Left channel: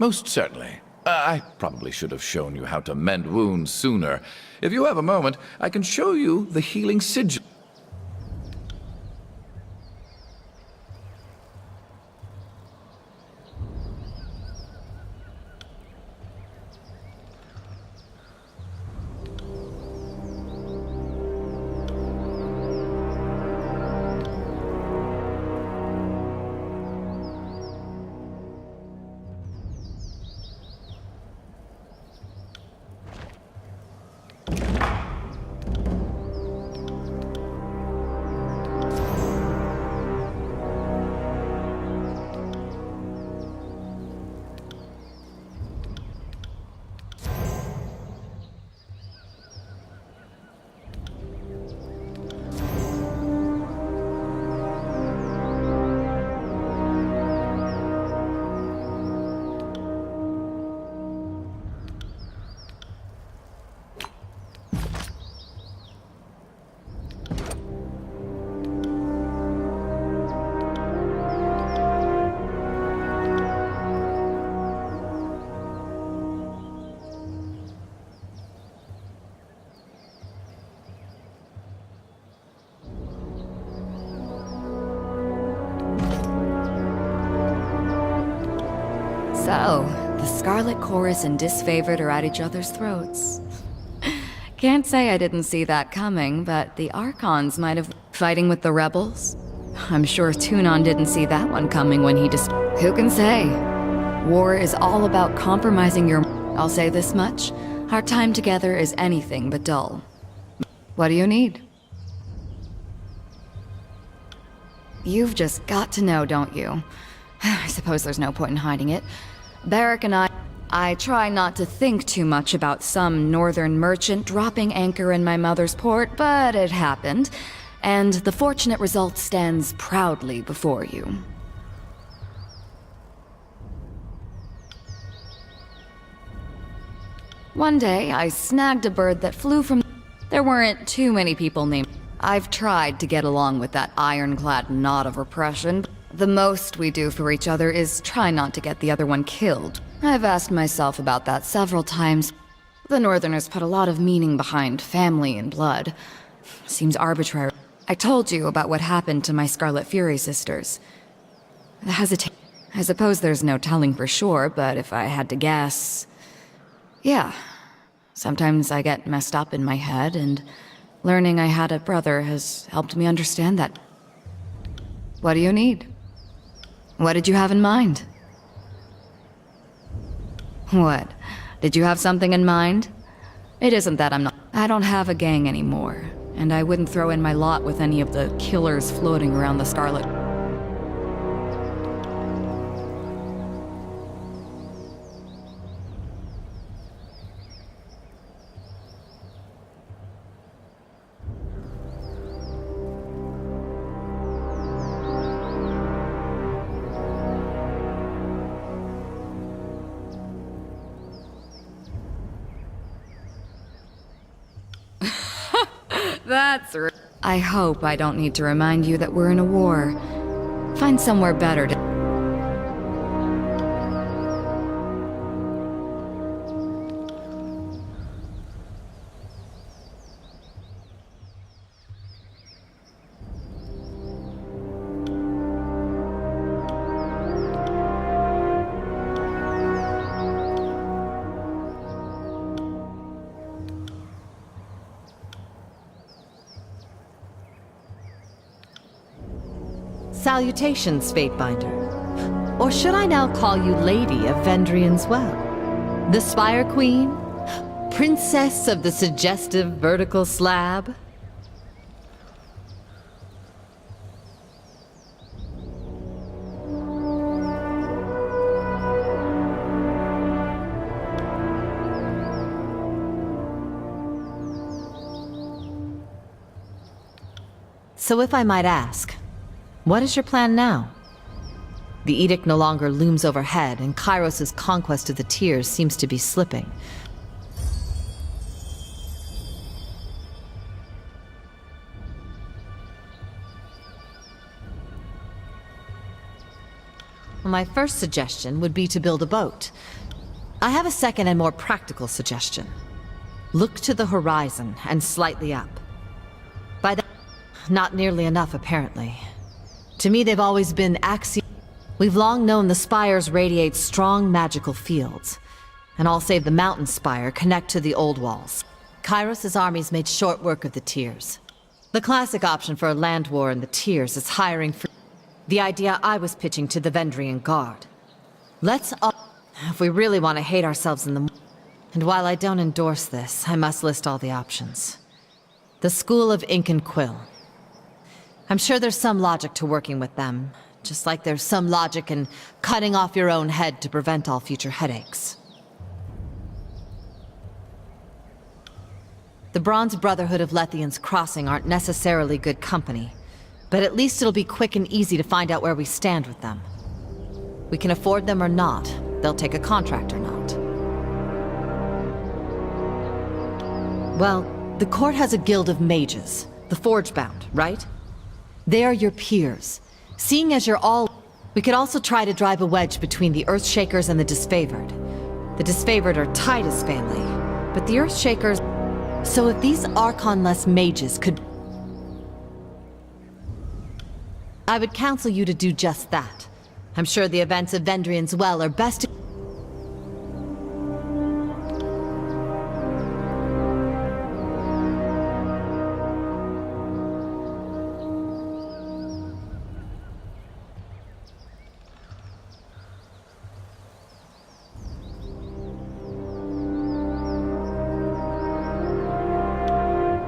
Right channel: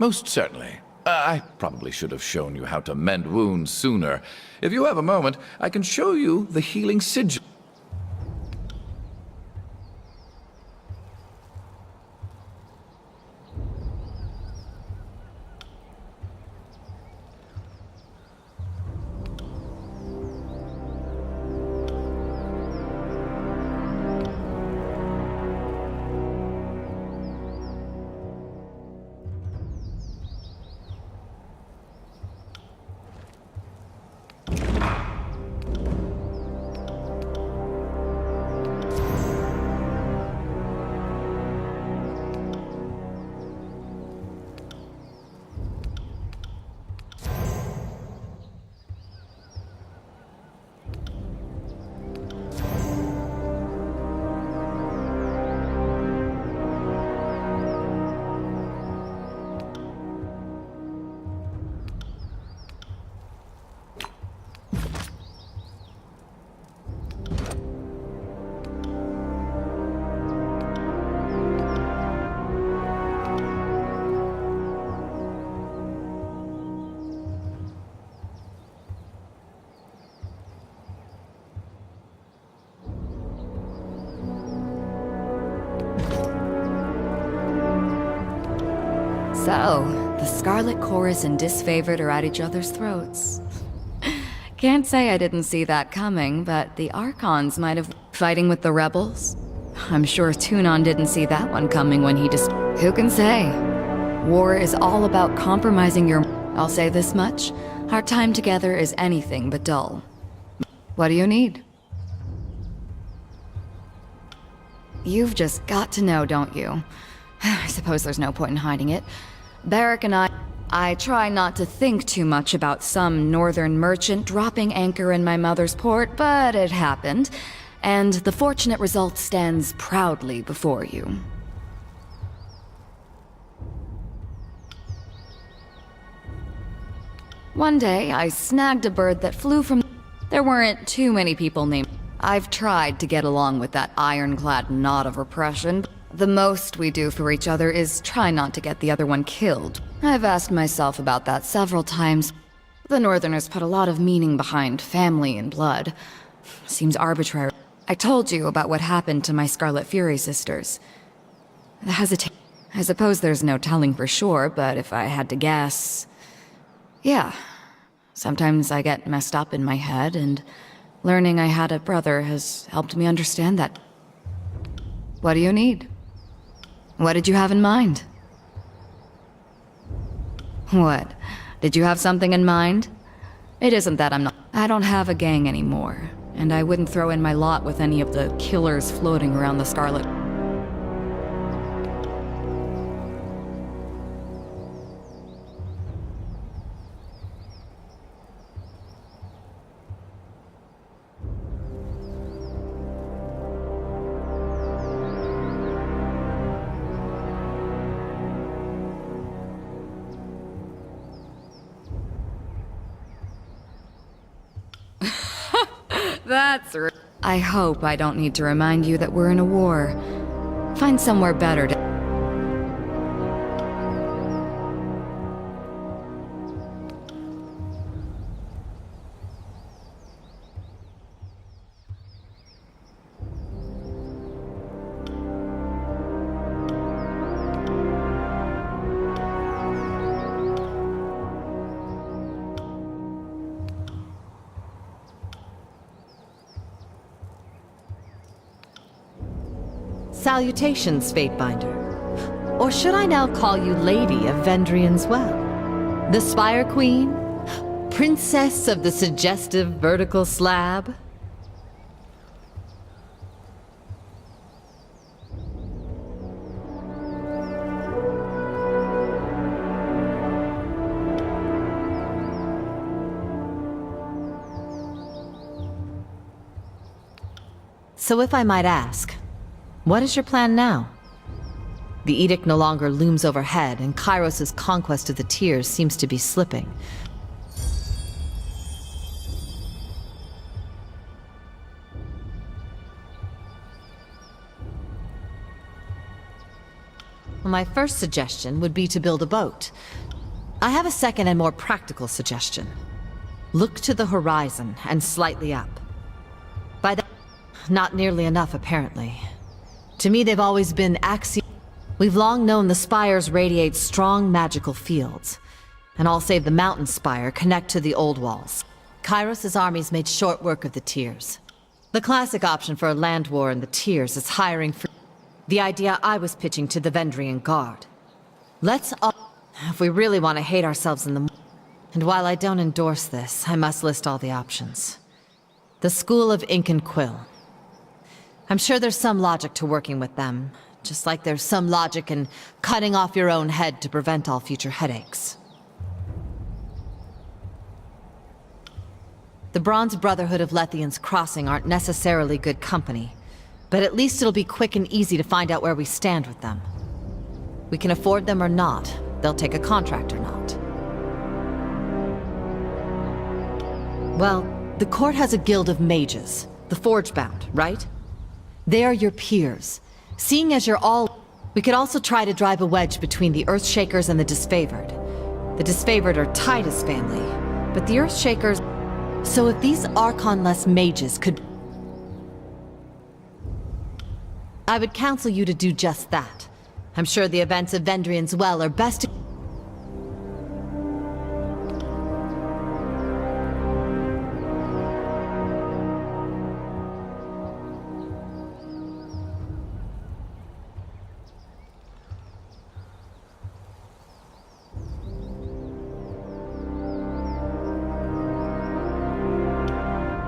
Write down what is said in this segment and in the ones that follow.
Most certainly. I probably should have shown you how to mend wounds sooner. If you have a moment, I can show you the healing sigil. So, the Scarlet Chorus and Disfavored are at each other's throats. Can't say I didn't see that coming, but the Archons might have... Fighting with the rebels? I'm sure Tunon didn't see that one coming when he just... Who can say? War is all about compromising your... I'll say this much. Our time together is anything but dull. What do you need? You've just got to know, don't you? I suppose there's no point in hiding it. Barrack and I try not to think too much about some northern merchant dropping anchor in my mother's port, but it happened, and the fortunate result stands proudly before you. One day, I snagged a bird that flew from... There weren't too many people named... I've tried to get along with that ironclad knot of repression. The most we do for each other is try not to get the other one killed. I've asked myself about that several times. The Northerners put a lot of meaning behind family and blood. Seems arbitrary. I told you about what happened to my Scarlet Fury sisters. I suppose there's no telling for sure, but if I had to guess... Yeah. Sometimes I get messed up in my head, and learning I had a brother has helped me understand that. What do you need? What did you have in mind? What? Did you have something in mind? It isn't that I'm not... I don't have a gang anymore, and I wouldn't throw in my lot with any of the killers floating around the Scarlet... I hope I don't need to remind you that we're in a war. Find somewhere better to... Salutations, Fatebinder. Or should I now call you Lady of Vendrian's Well? The Spire Queen? Princess of the suggestive vertical slab? So if I might ask, what is your plan now? The edict no longer looms overhead, and Kairos' conquest of the Tears seems to be slipping. Well, my first suggestion would be to build a boat. I have a second and more practical suggestion. Look to the horizon and slightly up. By that, not nearly enough, apparently. To me, they've always been axial. We've long known the spires radiate strong magical fields. And all save the mountain spire connect to the old walls. Kairos' armies made short work of the tiers. The classic option for a land war in the tiers is hiring for the idea I was pitching to the Vendrian Guard. Let's all, if we really want to hate ourselves in the... And while I don't endorse this, I must list all the options. The School of Ink and Quill. I'm sure there's some logic to working with them, just like there's some logic in cutting off your own head to prevent all future headaches. The Bronze Brotherhood of Lethian's Crossing aren't necessarily good company, but at least it'll be quick and easy to find out where we stand with them. We can afford them or not. They'll take a contract or not. Well, the court has a guild of mages, the Forgebound, right? They are your peers. Seeing as you're all... We could also try to drive a wedge between the Earthshakers and the Disfavored. The Disfavored are Titus family, but the Earthshakers... So if these Archon-less mages could... I would counsel you to do just that. I'm sure the events of Vendrian's Well are best...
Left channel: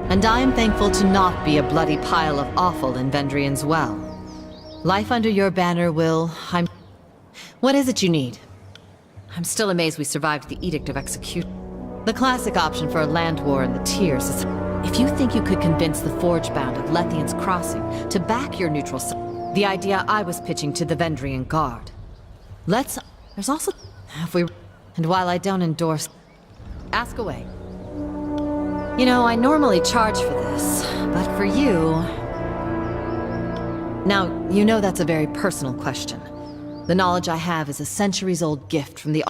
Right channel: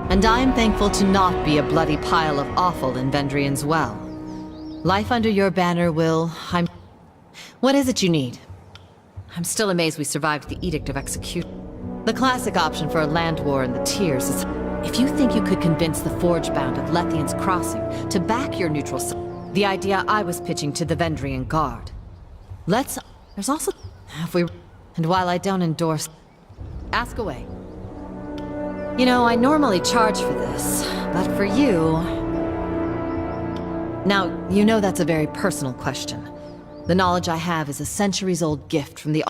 And I am thankful to not be a bloody pile of offal in Vendrian's Well. Life under your banner will... What is it you need? I'm still amazed we survived the Edict of Execution. The classic option for a land war in the tiers is... If you think you could convince the Forgebound of Lethian's Crossing to back your neutral... The idea I was pitching to the Vendrian Guard. Let's... There's also... If we... And while I don't endorse... Ask away. You know, I normally charge for this, but for you... Now, you know that's a very personal question. The knowledge I have is a centuries-old gift from the...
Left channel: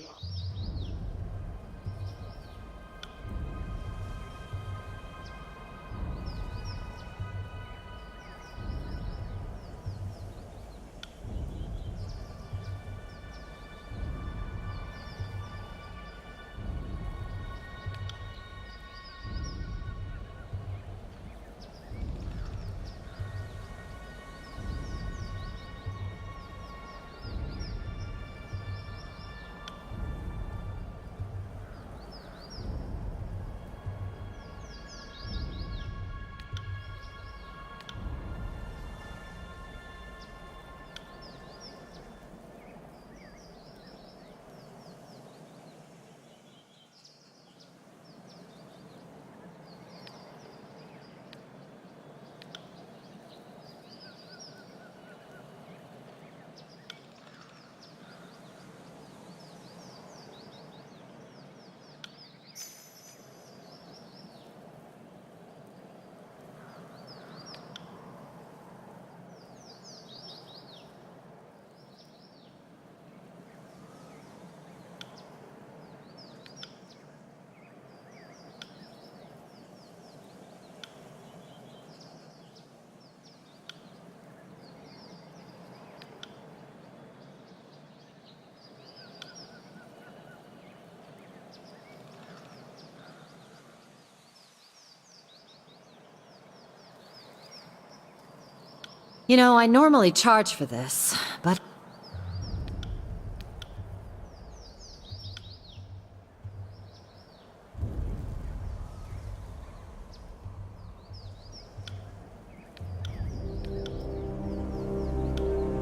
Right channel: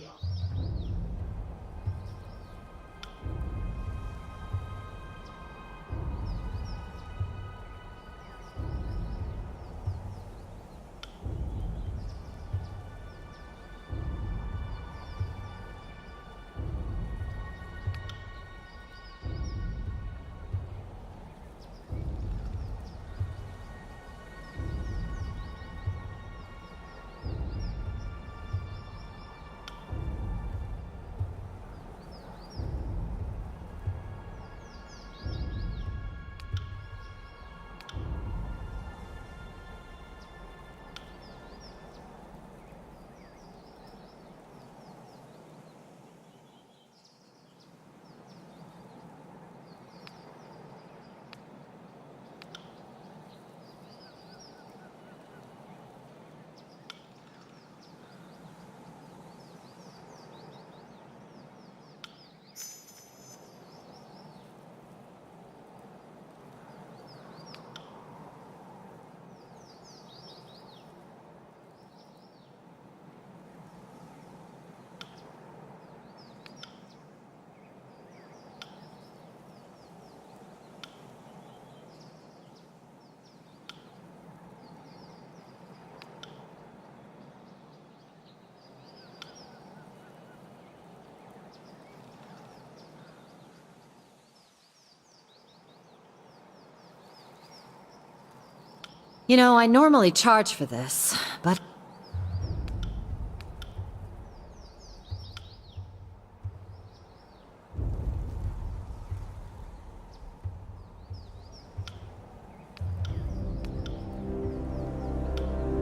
You know, I normally charge for this, but...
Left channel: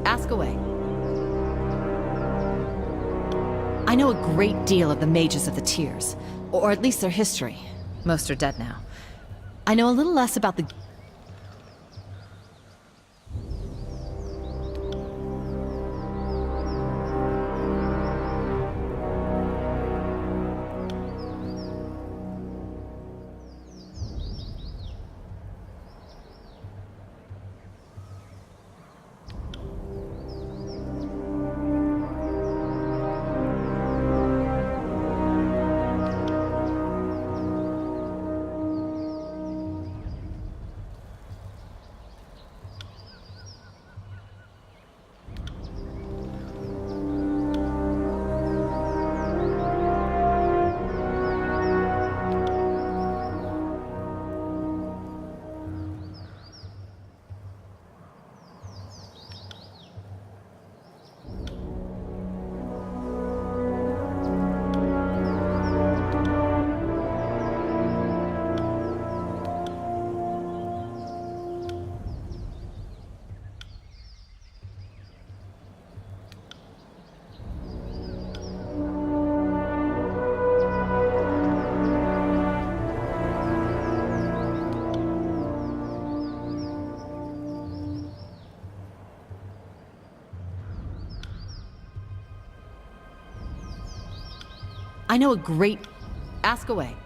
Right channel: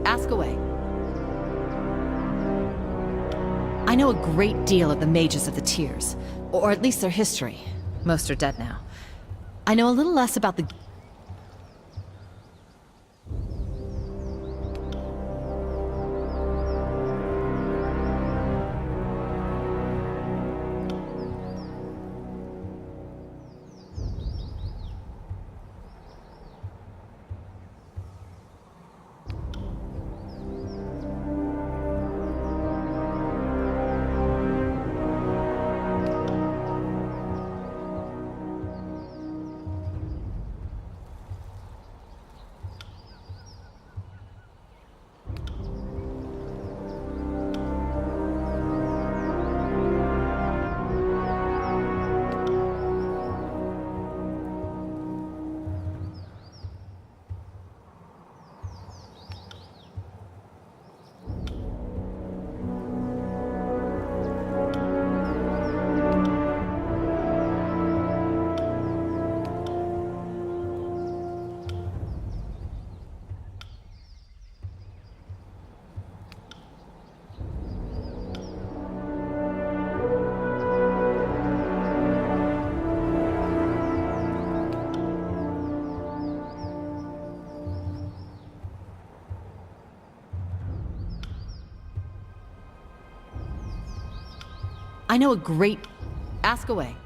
Ask away. I know a great deal of the mages of the tiers, or at least their history. Most are dead now. I know a little less about the... I know a great... Ask away.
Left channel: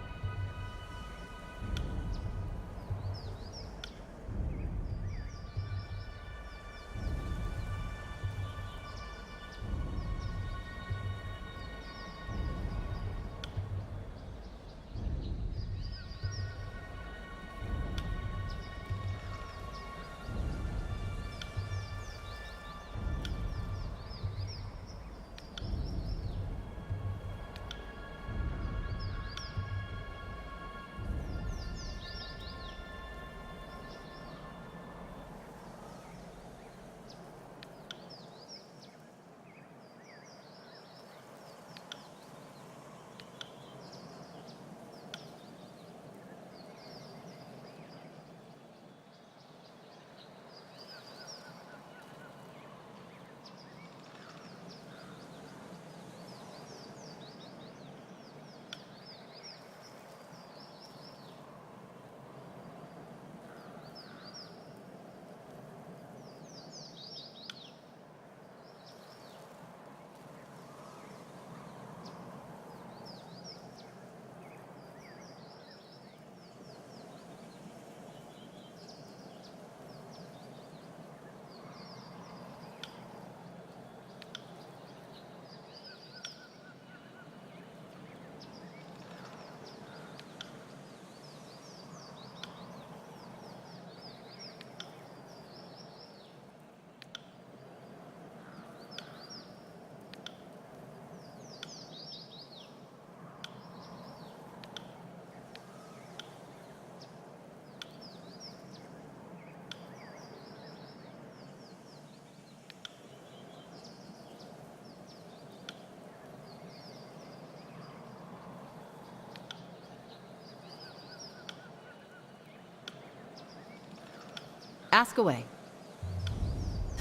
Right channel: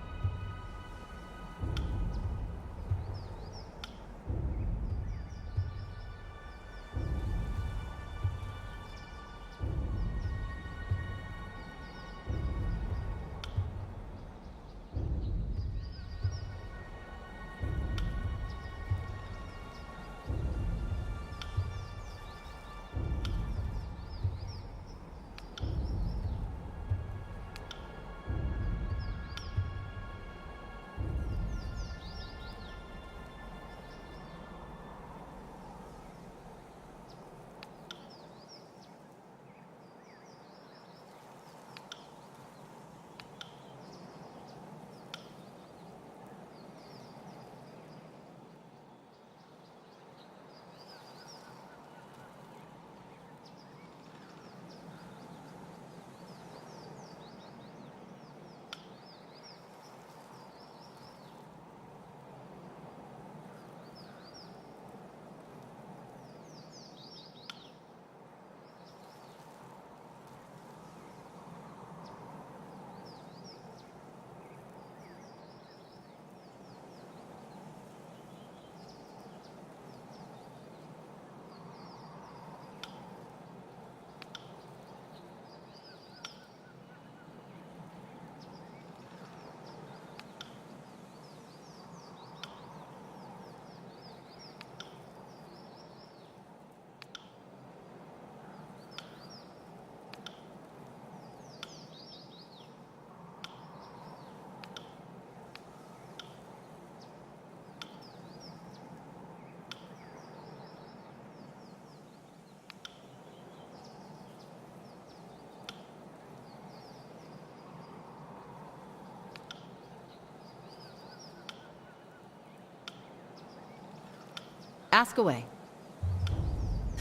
Ask away.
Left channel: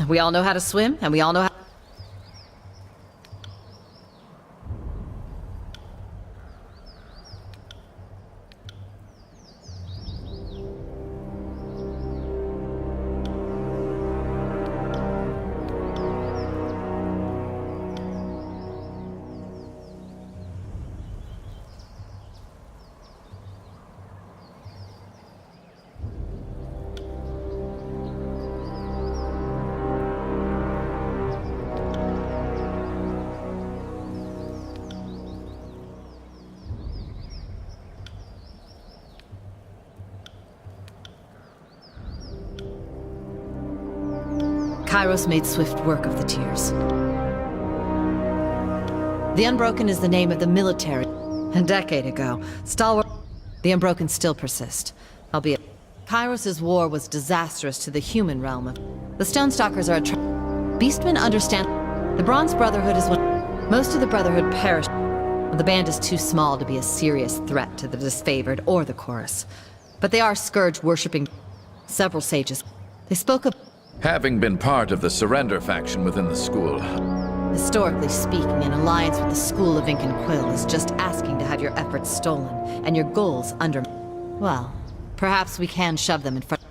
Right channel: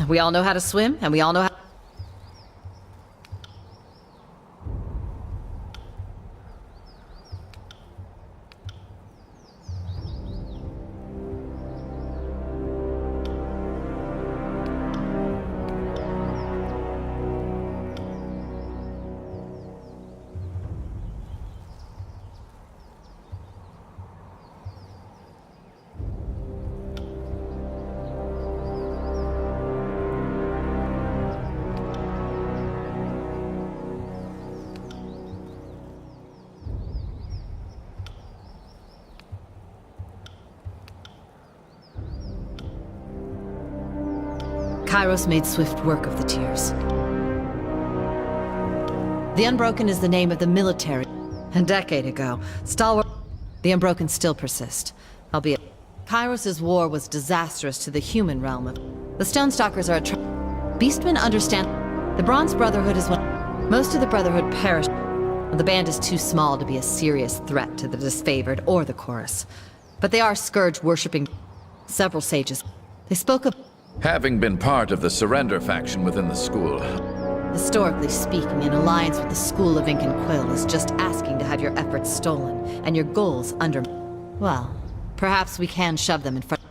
We all know how to swim, and we all know how... Kairos made swift work of the Tears. The Unbroken is the name of the military. A decade ago, stalwart... The Unbroken still persist, albeit... Kairos' war was disastrous to the human realm of... The Stonestalkers are Beastmen understand... The Bronze Brotherhood is one... Most of the Brotherhood perished. The band is too small to be a serious threat to the disfavored or the Chorus. But they are Scourge-worshipping... Several sages. They spoke of... Having been part of the Surrender faction within the school, Historically speaking, an alliance with the School of Ink and Quill is just asking to have your efforts stolen, and your goals under... Well, perhaps we can shove them in front...